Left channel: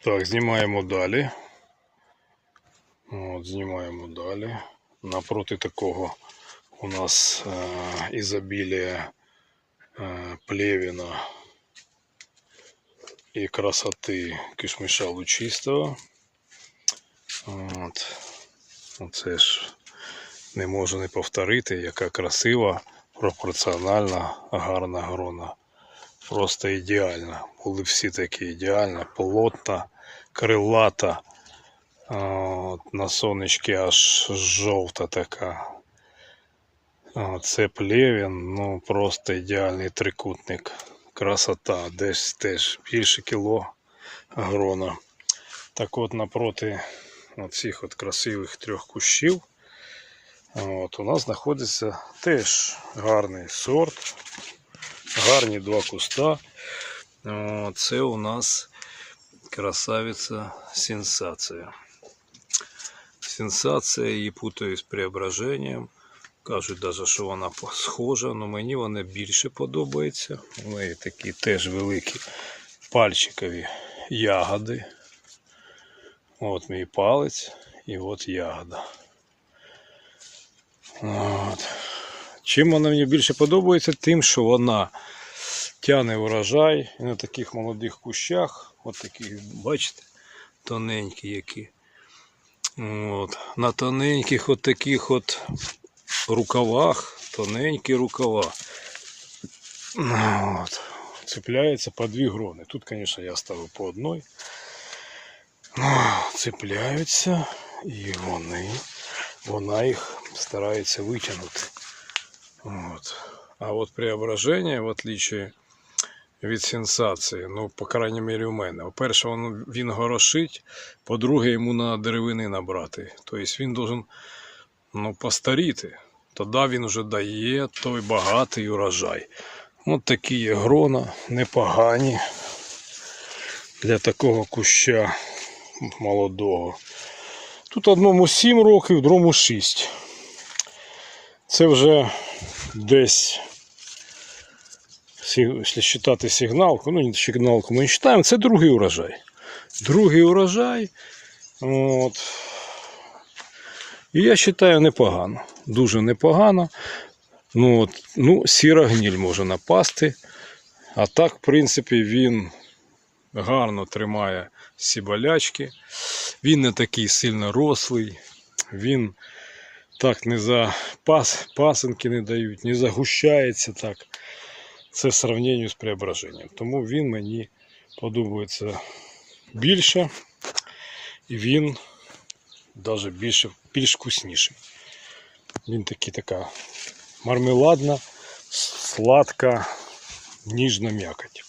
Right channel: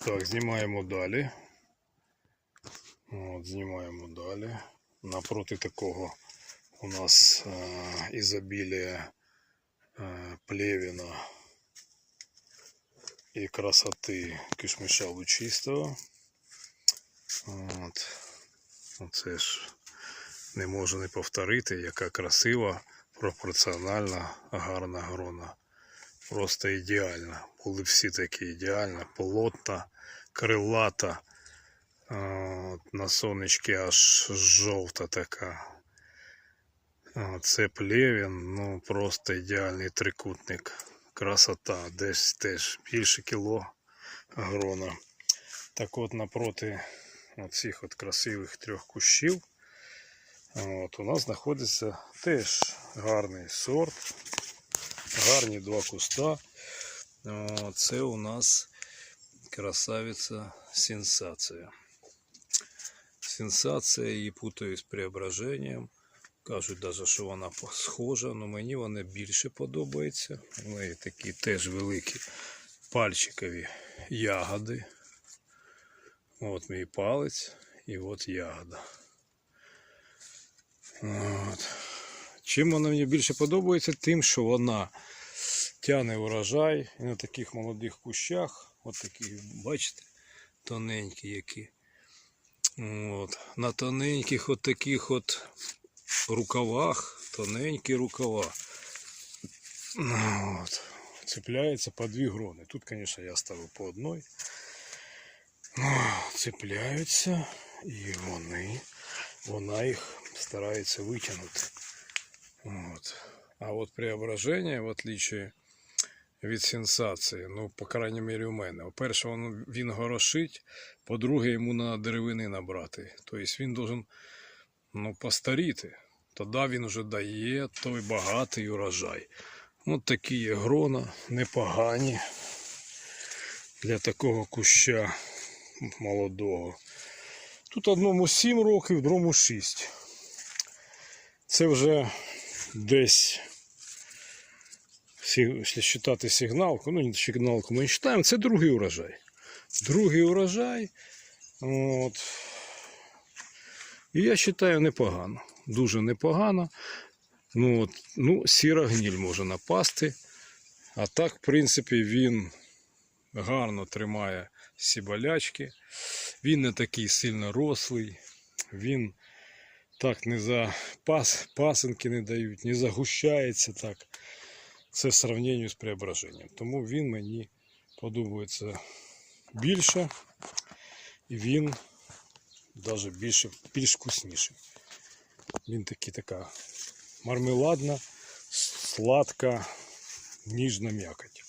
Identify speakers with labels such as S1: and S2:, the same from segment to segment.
S1: Так, знімаємо далі. От, знімаємо далі. Напроти такого у нас е, ізобілія е, плевіна і красоти кишмиша лучистого. От. Оце ж не можу не повторити, яка красива, пропорціональна, гарна грона. Просто ідеальна. Були всі такі ідеальна, плотна, крилата. От, на сонечки аж жовта така. Це плевін, ну просто ідеальний трикутник. Красота, десь теж більше кіло грона. Так от напроти цих от красивих трьох кущів. От, у нас знаходиться теж гарний сорт, гарні два куста. Це у нас красавиця сенсація. Сенсація її путають з преображенням. Кажуть навіть, що вона схожа, але мені вона більше подобається. У неї такі теж великі пальчикові ягоди. От мій палець і от ягода. От. Чим вона мені більше подобається, тим, що вона тяне урожай і на таких молодих кущах, от такі, бачите, тоненькі які. От. На тоненьких от таких от рукавах, тоненькі рукава. От. Цепляється по дві грони. Тут, звісно, я ставив по одной. Цепляються і вони, вона їх старається витягнути. От. А от преображення, в отличие від сенсації, ну, по крайній мірі, у мене. По-перше, він, він горошить, по-друге, йому на деревини набрати. Тобто він должен ну, постаріти. Тоді він вже дає той багатий урожай. От такі є грона, непогані для такого куща молодого. Тут одному 7 років, другому 6. Це вже десь, якщо вважати сигналку, ну сигналку ми не вважаємо, це другий урожай. Другий урожай. От. І я вважаю непогано. Дуже непогано. Ну, от, ну, сіра гніль може напасти. А так, в принципі, він гарно тримає всі болячки. Він не такий сильно рослий. Він так не за пас, пасенки не дають, не загущається так. Це в сравненні з преображенням. Тому він мені подобається більше. І він навіть більше, більш вкусніший. Він такий така мармеладна, сладка, ніжна м'якоть.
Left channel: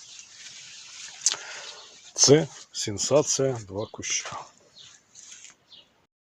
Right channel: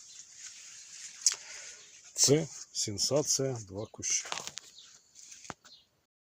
S1: Це сенсація два куща.